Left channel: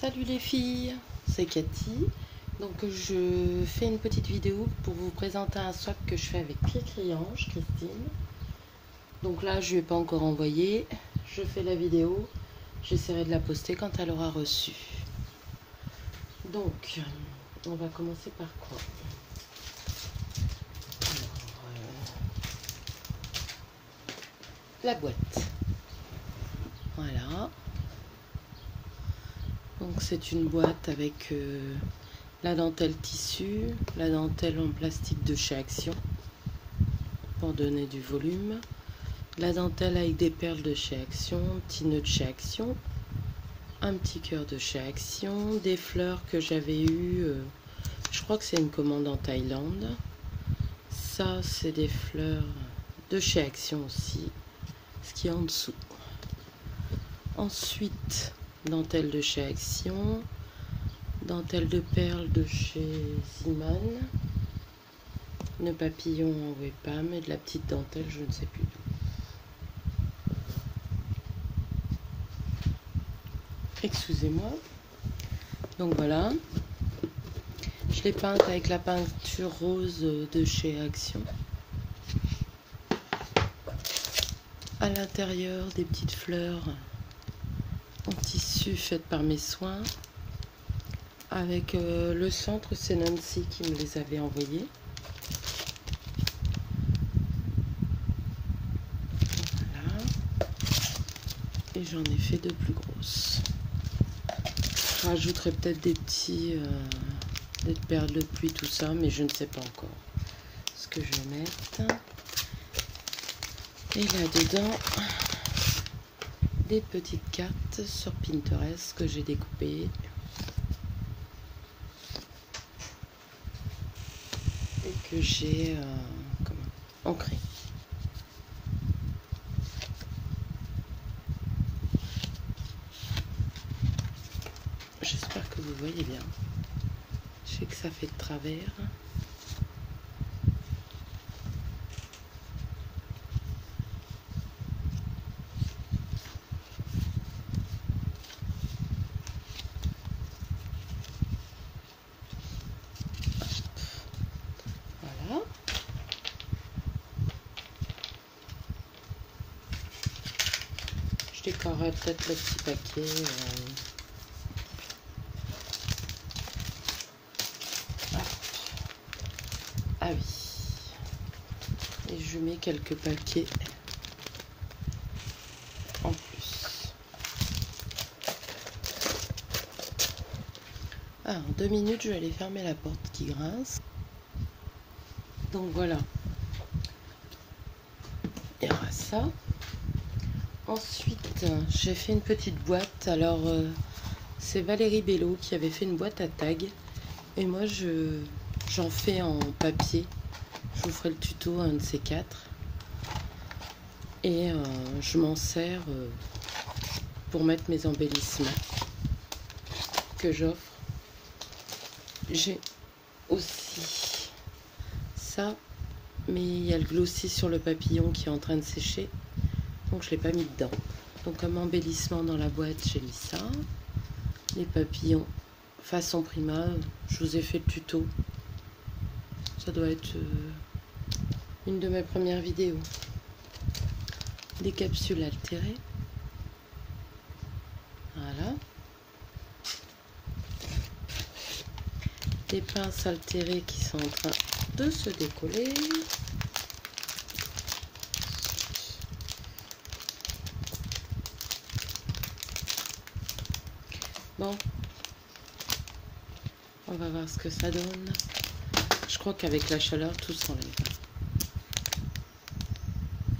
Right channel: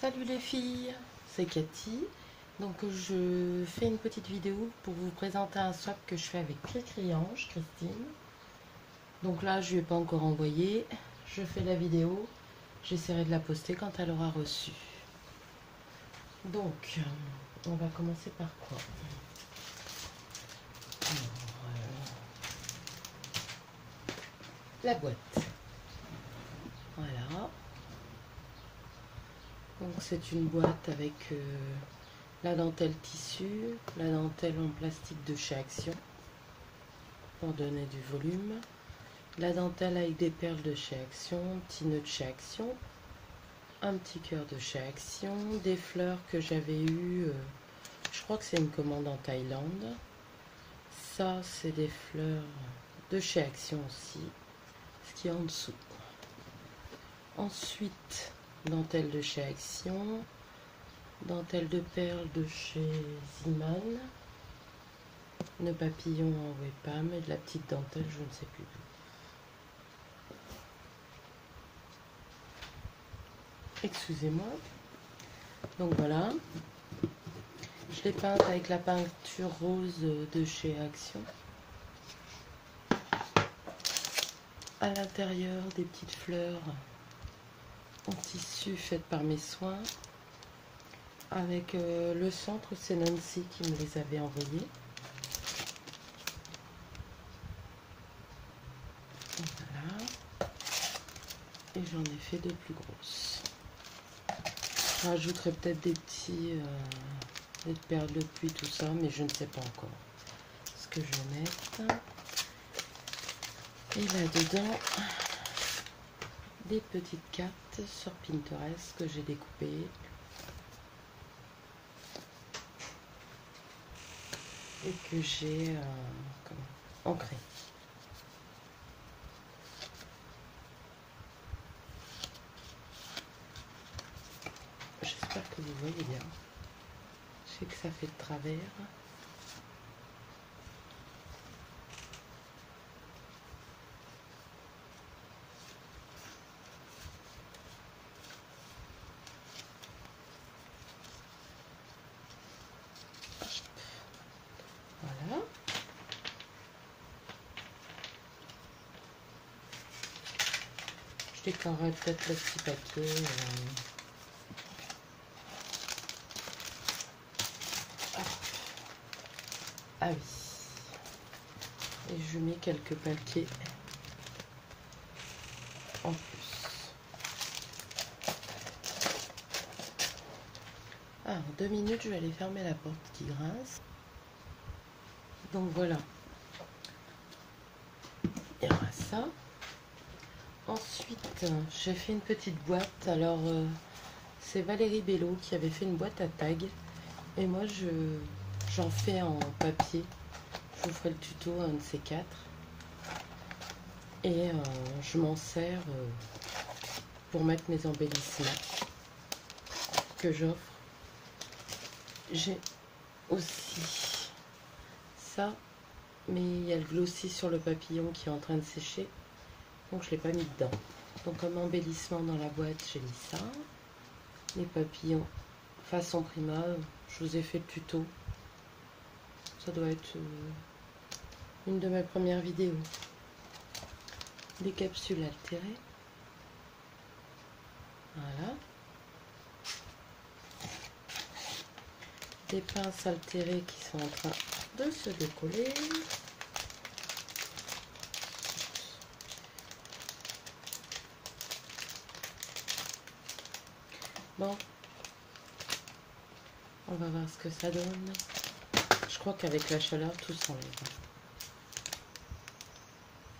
Salut les filles, c'est Cathy. Donc je fais une petite vidéo pour vous présenter un swap que je fais avec Cricri-Ange, Christine. Donc là je ne lui ai pas encore envoyé. Je fais la vidéo. J'essaierai de la poster quand elle aura reçu. Donc on va commencer par quoi? La boîte. Voilà. Donc c'est une boîte avec la dentelle tissu, la dentelle en plastique de chez Action pour donner du volume, la dentelle avec des perles de chez Action, un petit nœud de chez Action, un petit cœur de chez Action, des fleurs que j'avais eues, je crois que c'est une commande en Thaïlande. Ça c'est des fleurs de chez Action aussi, ce qui est en dessous. Ensuite, dentelle de chez Action, dentelle de perles de chez Ziman, nœud papillon en Wepam et de la petite dentelle, je ne sais plus d'où. Excusez-moi. Donc voilà. Je l'ai peinte avec la peinture rose de chez Action. À l'intérieur, des petites fleurs en tissu faites par mes soins. Avec le centre, c'est Nancy qui me les avait envoyés. Voilà. Et j'en ai fait de plus grosses. Je rajouterai peut-être des petits des perles de pluie, tout ça, mais je ne sais pas encore ce que je vais mettre. Et là-dedans, des petites cartes sur Pinterest que j'ai découpées. Et que j'ai ancré. J'espère que vous voyez bien. Je sais que ça fait de travers. Voilà. Je décorerai peut-être le petit paquet. Ah oui. Et je mets quelques paquets en plus. Ah, en 2 minutes, je vais aller fermer la porte qui grince. Donc voilà. Il y aura ça. Ensuite, j'ai fait une petite boîte. Alors, c'est Valérie Bello qui avait fait une boîte à tag. Et moi, j'en fais en papier. Je vous ferai le tuto, un de ces 4. Et je m'en sers pour mettre mes embellissements que j'offre. J'ai aussi ça, mais il y a le glossy sur le papillon qui est en train de sécher. Donc je ne l'ai pas mis dedans. Donc comme embellissement dans la boîte, j'ai mis ça. Les papillons façon Prima, je vous ai fait le tuto. Ça doit être une de mes premières vidéos. Des capsules altérées. Voilà. Des pinces altérées qui sont en train de se décoller. Bon, on va voir ce que ça donne. Je crois qu'avec la chaleur, tout s'enlève.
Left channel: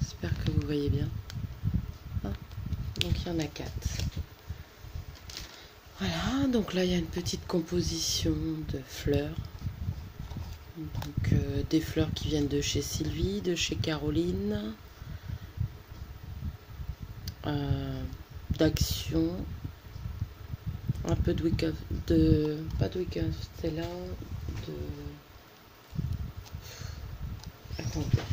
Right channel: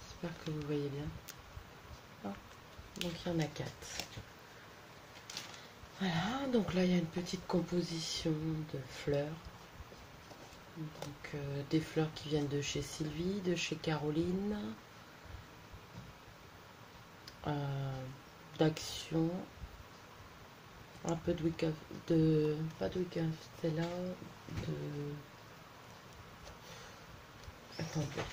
J'espère que vous voyez bien. Ah, donc il y en a 4. Voilà, donc là il y a une petite composition de fleurs. Donc des fleurs qui viennent de chez Sylvie, de chez Caroline, d'Action. Un peu de pas de Wicca Stella, de... Attendez.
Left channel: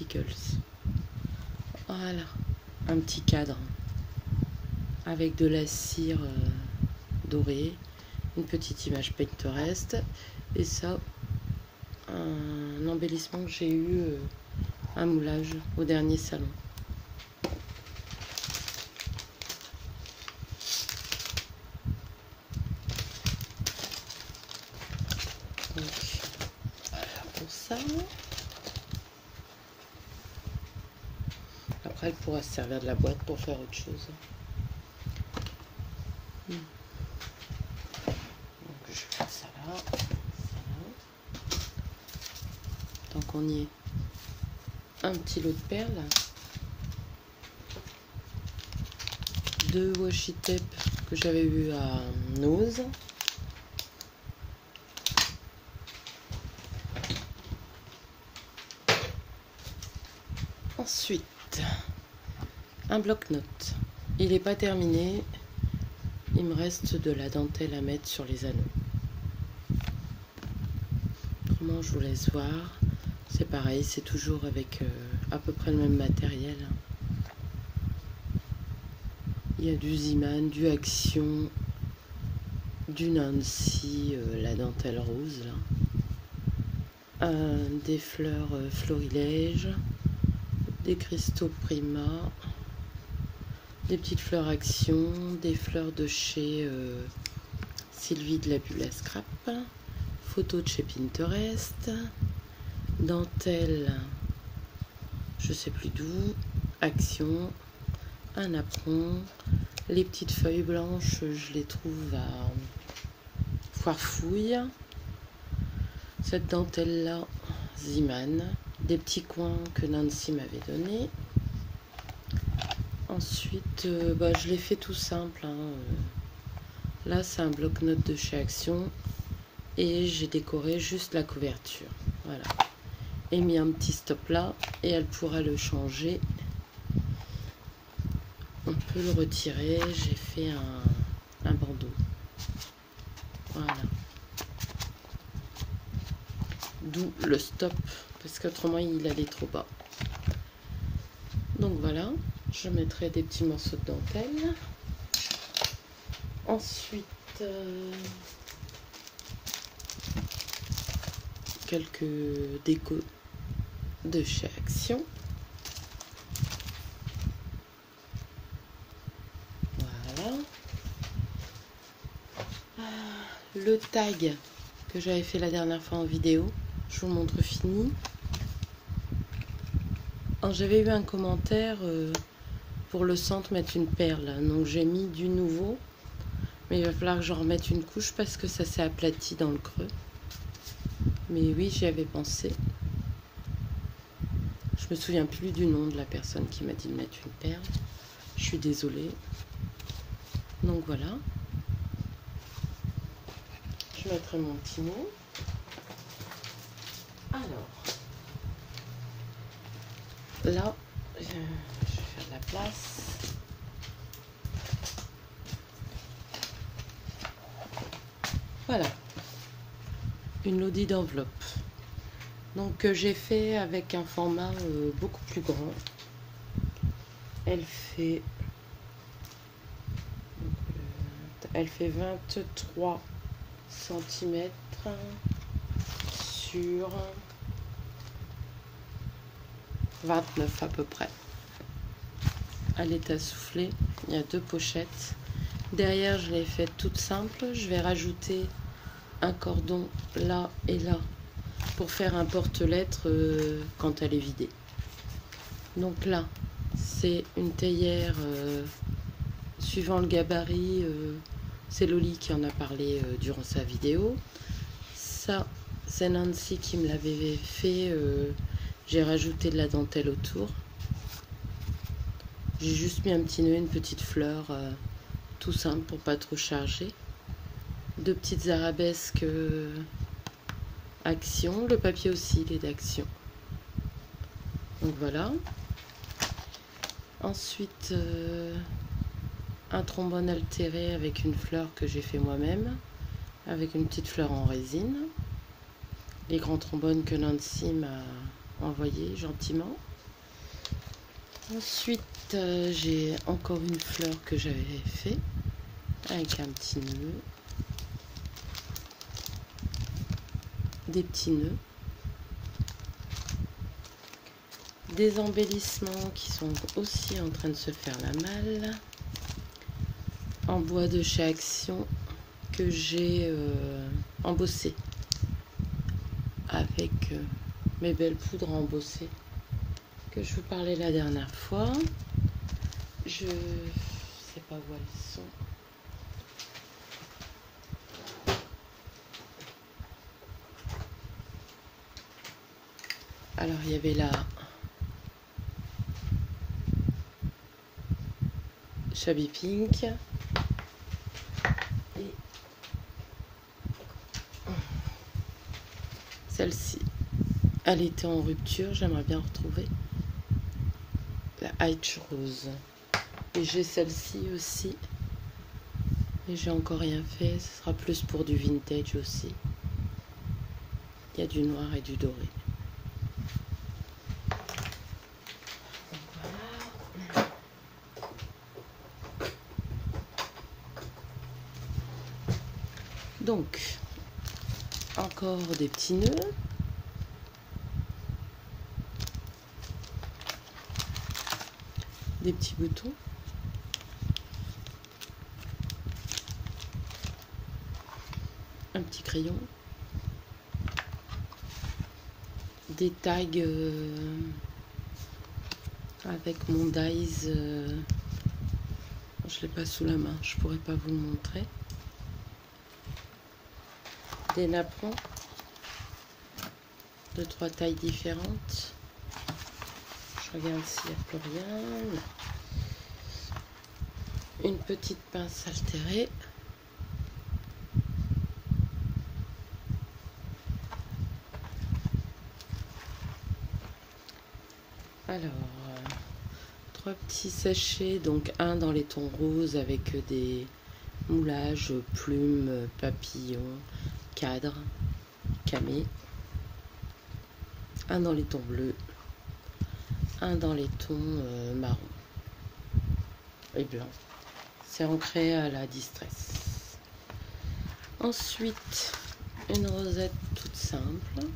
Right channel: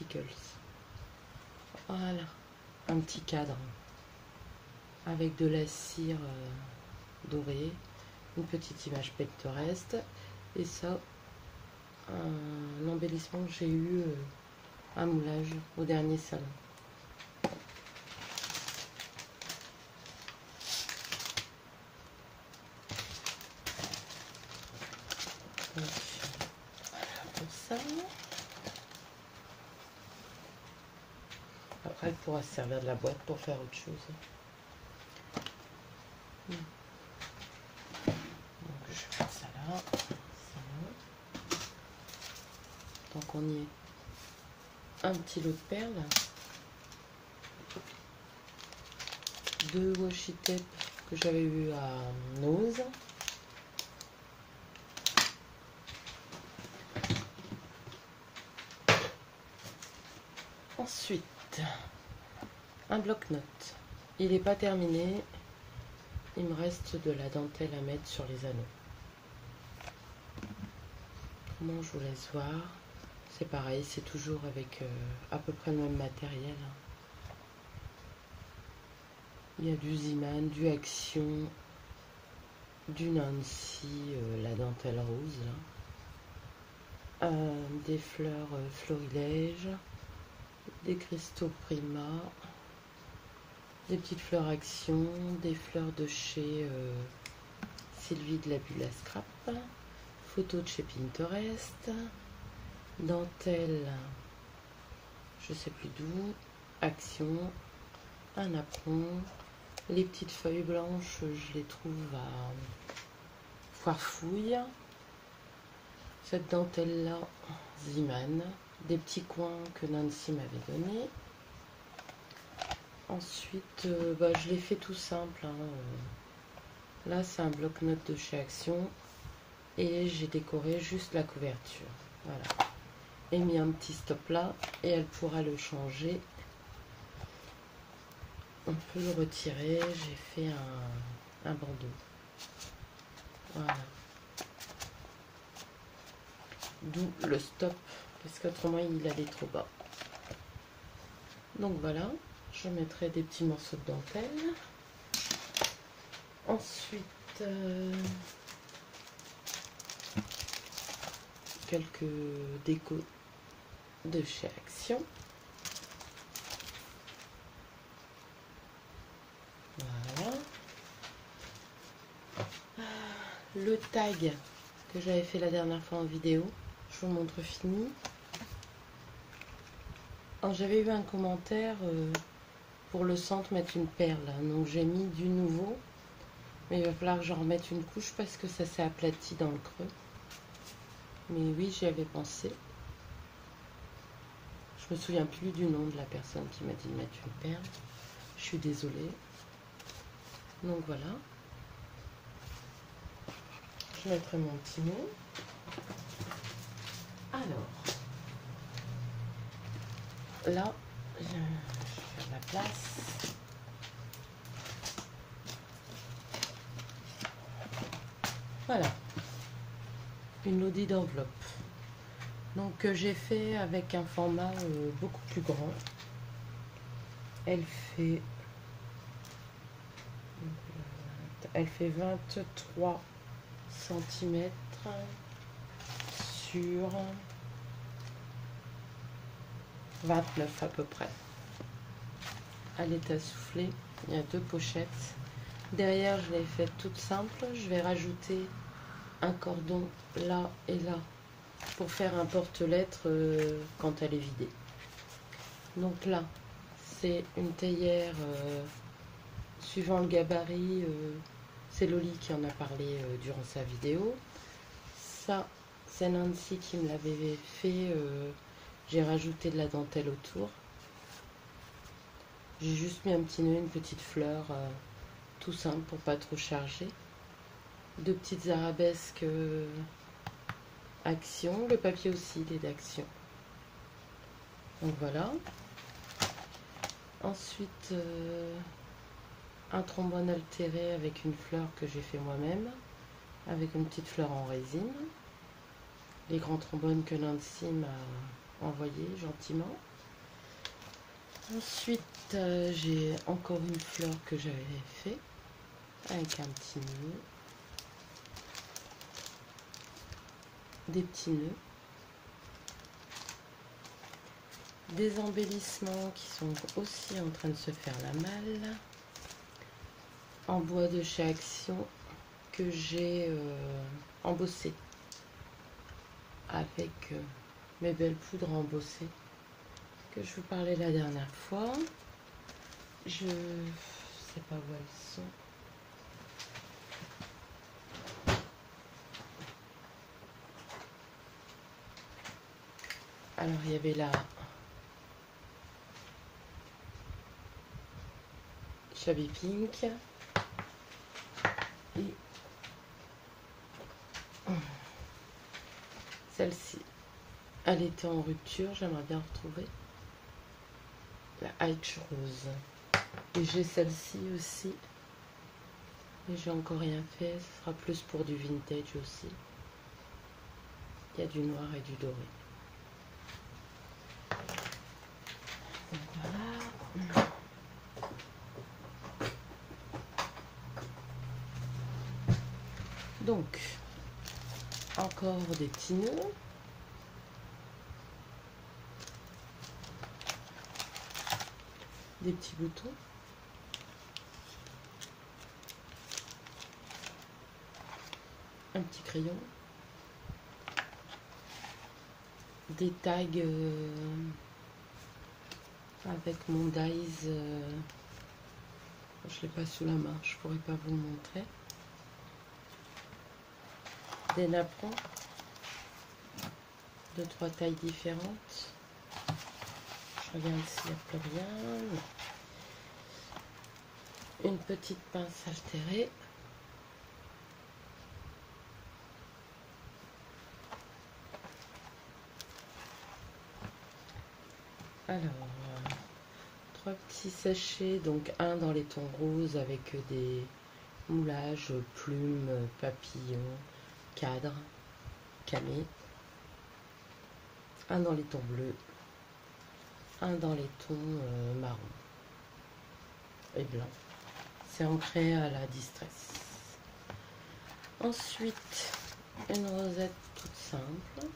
Stickers. Voilà, un petit cadre avec de la cire dorée, une petite image Pinterest, et ça, un embellissement que j'ai eu, un moulage au dernier salon. Donc, pour ça, après elle pourra se servir de la boîte pour faire autre chose. Donc, je vais mettre ça là, ça là. Tant qu'on y est, un petit lot de perles, 2 washi tape que j'avais eu à Nose. Ensuite, un bloc-notes. Il n'est pas terminé. Il me reste de la dentelle à mettre sur les anneaux. Autrement, je vous laisse voir. C'est pareil, c'est toujours avec à peu près le même matériel. Il y a du Ziman, du Action, du Nancy, la dentelle rose, là. Des fleurs florilèges, des cristaux Prima, des petites fleurs Action, des fleurs de chez Sylvie de la Bulle à Scrap, photos de chez Pinterest, dentelle, je sais plus d'où, Action, un apron, les petites feuilles blanches, je les trouve à Foirefouille, cette dentelle là, Ziman, des petits coins que Nancy m'avait donné. Ensuite, je l'ai fait tout simple, hein. Là c'est un bloc-notes de chez Action et j'ai décoré juste la couverture, voilà, et mis un petit stop là et elle pourra le changer. On peut le retirer, j'ai fait un bandeau, voilà, d'où le stop parce qu'autrement il allait trop bas. Donc voilà, je mettrai des petits morceaux de dentelle. Ensuite, quelques décos de chez Action. Voilà. Le tag que j'avais fait la dernière fois en vidéo, je vous montre fini. Alors j'avais eu un commentaire pour le centre mettre une perle, donc j'ai mis du nouveau, mais il va falloir que j'en remette une couche parce que ça s'est aplati dans le creux. Mais oui, j'y avais pensé. Je me souviens plus du nom de la personne qui m'a dit de mettre une perle. Je suis désolée. Donc voilà. Je mettrai mon petit mot. Alors, là, je vais faire de la place. Voilà, une lodi d'enveloppe. Donc j'ai fait avec un format beaucoup plus grand. Elle fait 23 cm sur 29 à peu près. Elle est à souffler, il y a 2 pochettes. Derrière, je l'ai faite toute simple. Je vais rajouter un cordon là et là pour faire un porte-lettres quand elle est vidée. Donc là, c'est une théière suivant le gabarit. C'est Loli qui en a parlé durant sa vidéo. Ça, c'est Nancy qui me l'avait fait. J'ai rajouté de la dentelle autour. J'ai juste mis un petit nœud, une petite fleur, tout simple pour pas trop charger. 2 petites arabesques Action. Le papier aussi, il est d'Action. Donc voilà. Ensuite, un trombone altéré avec une fleur que j'ai fait moi-même, avec une petite fleur en résine. Les grands trombones que Nancy m'a envoyés gentiment. Ensuite, j'ai encore une fleur que j'avais fait avec un petit nœud, des petits nœuds, des embellissements qui sont aussi en train de se faire la malle, en bois de chez Action que j'ai embossé avec mes belles poudres embossées que je vous parlais la dernière fois. Je sais pas où elles sont. Alors il y avait la Shabby Pink et celle-ci. Elle était en rupture, j'aimerais bien retrouver la H Rose. Et j'ai celle-ci aussi. Et j'ai encore rien fait, ce sera plus pour du vintage aussi. Il y a du noir et du doré. Donc voilà. Donc, encore des petits nœuds. Des petits boutons. Un petit crayon. Des tags avec mon dies. Je ne l'ai pas sous la main, je pourrais pas vous le montrer. Des napperons de 3 tailles différentes. Je regarde s'il n'y a plus rien. Une petite pince altérée. Alors, 3 petits sachets, donc un dans les tons roses avec des moulages, plumes, papillons, cadres, camé. Un dans les tons bleus, un dans les tons marron et blanc. C'est ancré à la distress. Ensuite, une rosette toute simple.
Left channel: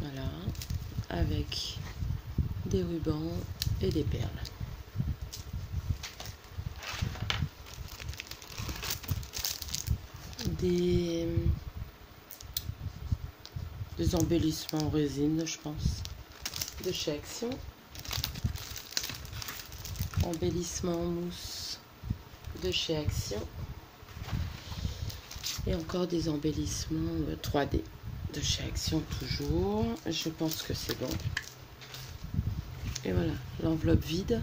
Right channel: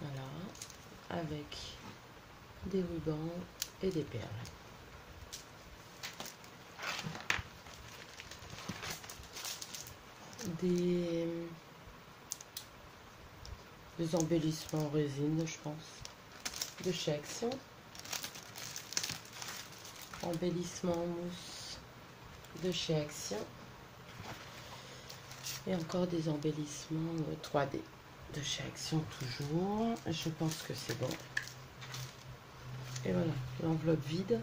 Voilà, avec des rubans et des perles. Des embellissements en résine, je pense, de chez Action. Embellissement en mousse de chez Action. Et encore des embellissements 3D de chez Action toujours. Je pense que c'est bon. Et voilà, l'enveloppe vide.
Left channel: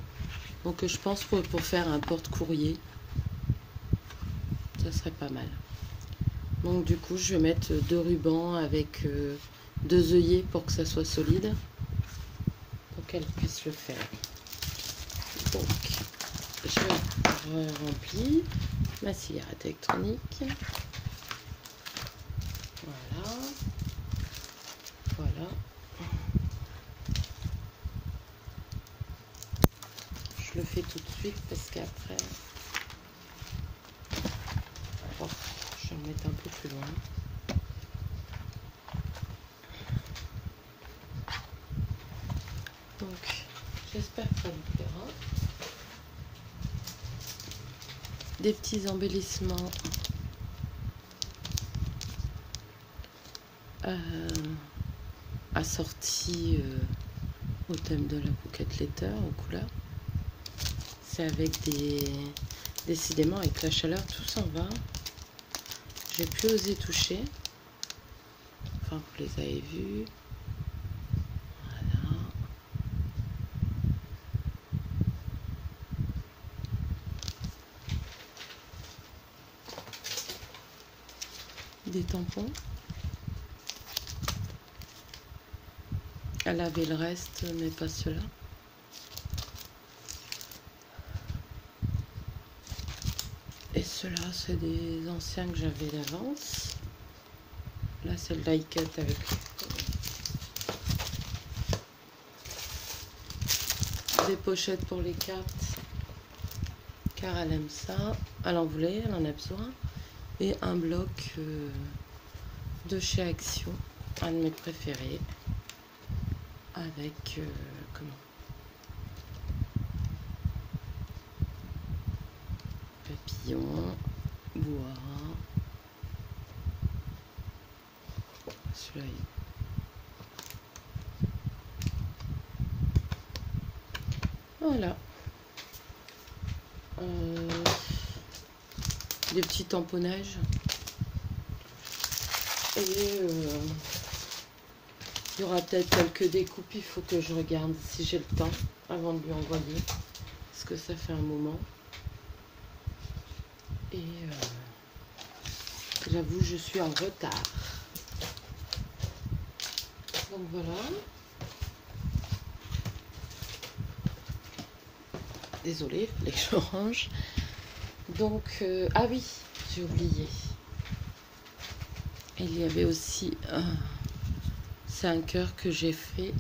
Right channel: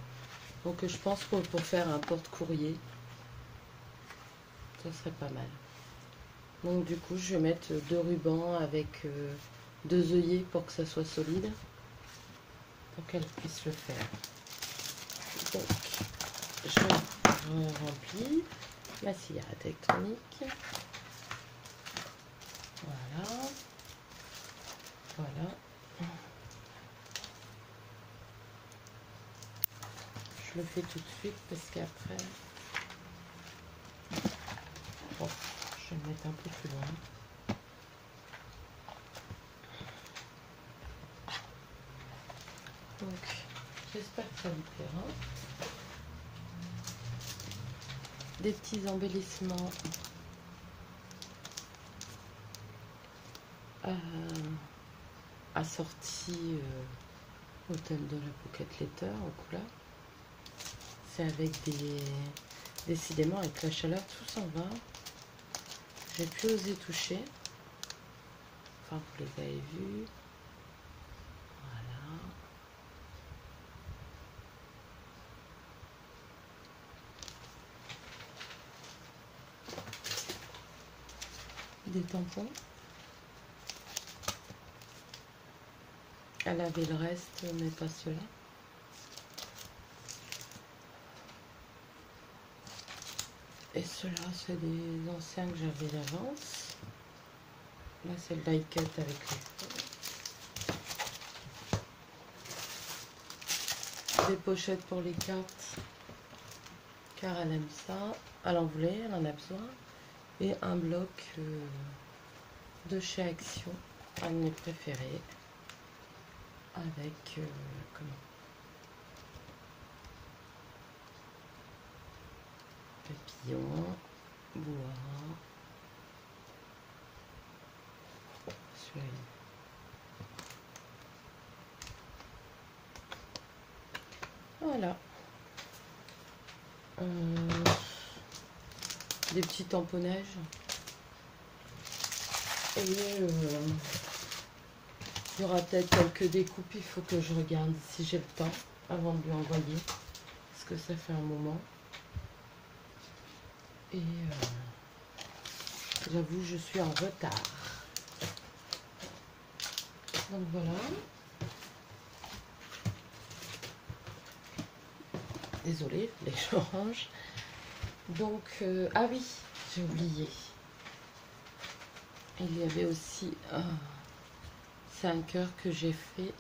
Donc je pense que pour faire un porte-courrier, ça serait pas mal. Donc du coup, je vais mettre 2 rubans avec 2 œillets pour que ça soit solide, pour qu'elle puisse le faire. Donc, je remplis ma cigarette électronique. Voilà. Voilà. Je le fais tout de suite parce qu'après, oh, je vais le mettre un peu plus loin. Donc, j'espère que ça vous plaira. Des petits embellissements assortis au thème de la Pocket Letter en couleur. C'est avec décidément avec la chaleur tout s'en va. J'ai plus osé toucher. Enfin, vous les avez vus. Voilà. Des tampons. Elle avait le reste, mais pas ceux-là. Et ceux-là, c'est des anciens que j'avais d'avance. Là, c'est le die cut avec des pochettes pour les cartes, car elle aime ça. Elle en voulait, elle en a besoin. Et un bloc de chez Action, un de mes préférés, avec comment, papillon, bois. Celui-là. Voilà. Des petits tamponnages. Et il y aura peut-être quelques découpes. Il faut que je regarde si j'ai le temps avant de lui envoyer. Parce que ça fait un moment. Et j'avoue, je suis en retard. Donc voilà. Désolée, il fallait que je range. Donc, ah oui, j'ai oublié. Il y avait aussi c'est un cœur que j'ai fait.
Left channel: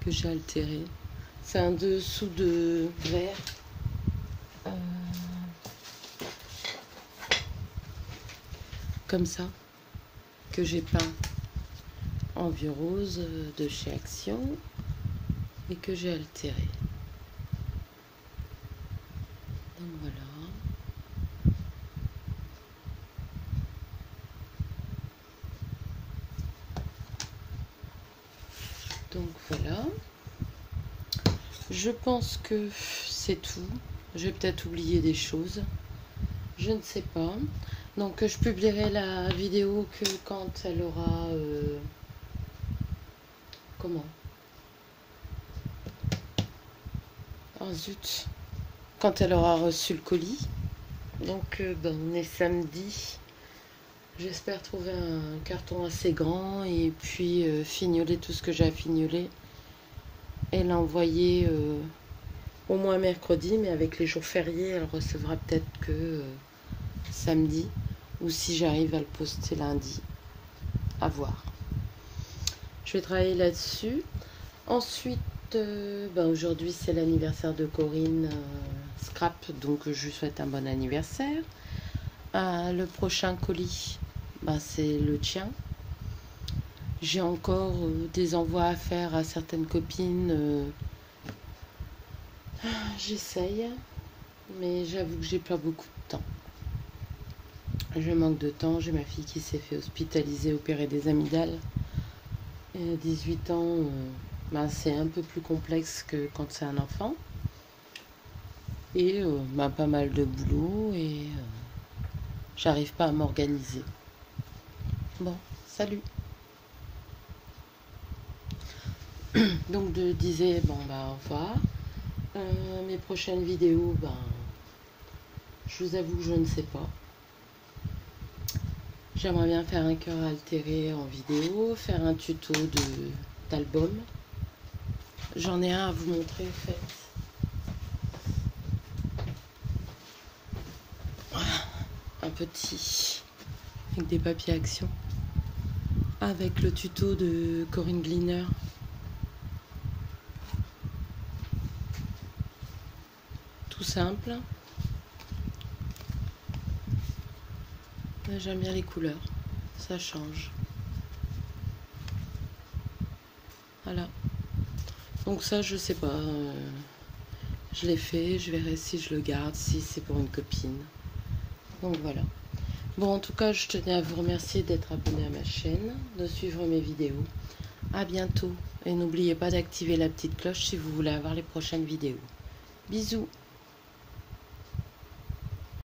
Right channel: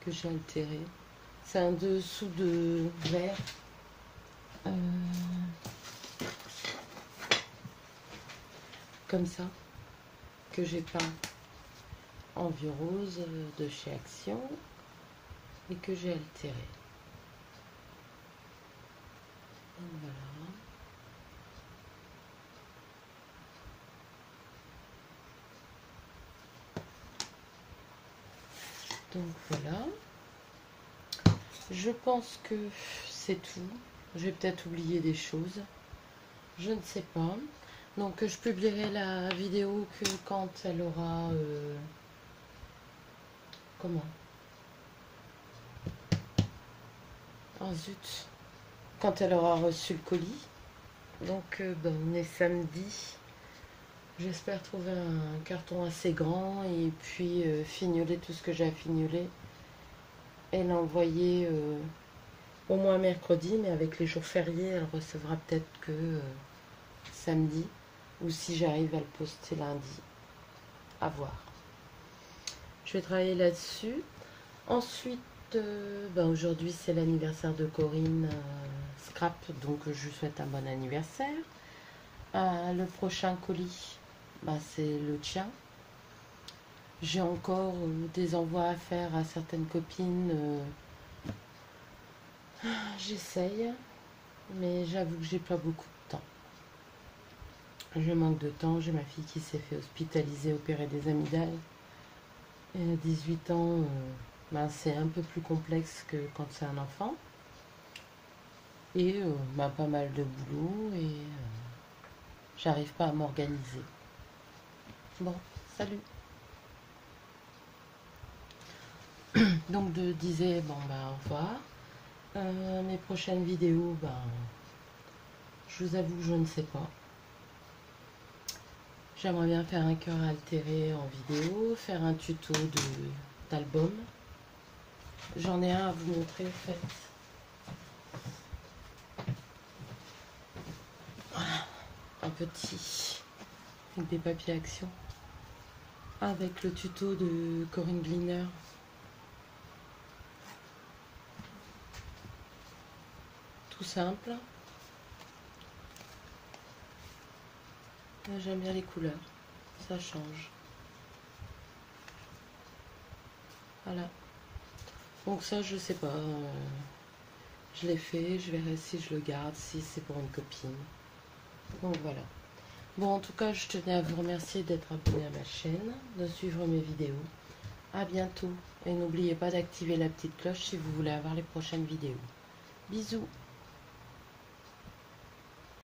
Que j'ai altéré. C'est un dessous de verre. Comme ça. Que j'ai peint en vieux rose de chez Action. Et que j'ai altéré. Donc voilà. Donc voilà. Je pense que c'est tout. J'ai peut-être oublié des choses. Je ne sais pas. Donc je publierai la vidéo que quand elle aura... comment? Oh zut. Quand elle aura reçu le colis. Donc on est samedi. J'espère trouver un carton assez grand et puis fignoler tout ce que j'ai à fignoler. Et l'envoyer au moins mercredi, mais avec les jours fériés, elle recevra peut-être que samedi. Ou si j'arrive à le poster lundi. À voir. Je vais travailler là-dessus. Ensuite, aujourd'hui c'est l'anniversaire de Corinne Scrap, donc je lui souhaite un bon anniversaire. Le prochain colis, c'est le tien. J'ai encore des envois à faire à certaines copines. J'essaye, mais j'avoue que j'ai pas beaucoup de temps. Je manque de temps. J'ai ma fille qui s'est fait hospitaliser, opérer des amygdales. Et à 18 ans, c'est un peu plus complexe que quand c'est un enfant. Et pas mal de boulot et j'arrive pas à m'organiser. Bon, salut. Donc je disais, au revoir. Mes prochaines vidéos, je vous avoue que je ne sais pas. J'aimerais bien faire un cœur altéré en vidéo, faire un tuto d'album. J'en ai un à vous montrer en fait. Voilà, un petit avec des papiers Action. Avec le tuto de Corinne Gleaner. Tout simple. J'aime bien les couleurs, ça change. Voilà. Donc ça, je sais pas. Je l'ai fait, je verrai si je le garde, si c'est pour une copine. Donc voilà. Bon, en tout cas, je tenais à vous remercier d'être abonné à ma chaîne, de suivre mes vidéos. À bientôt. Et n'oubliez pas d'activer la petite cloche si vous voulez avoir les prochaines vidéos. Bisous.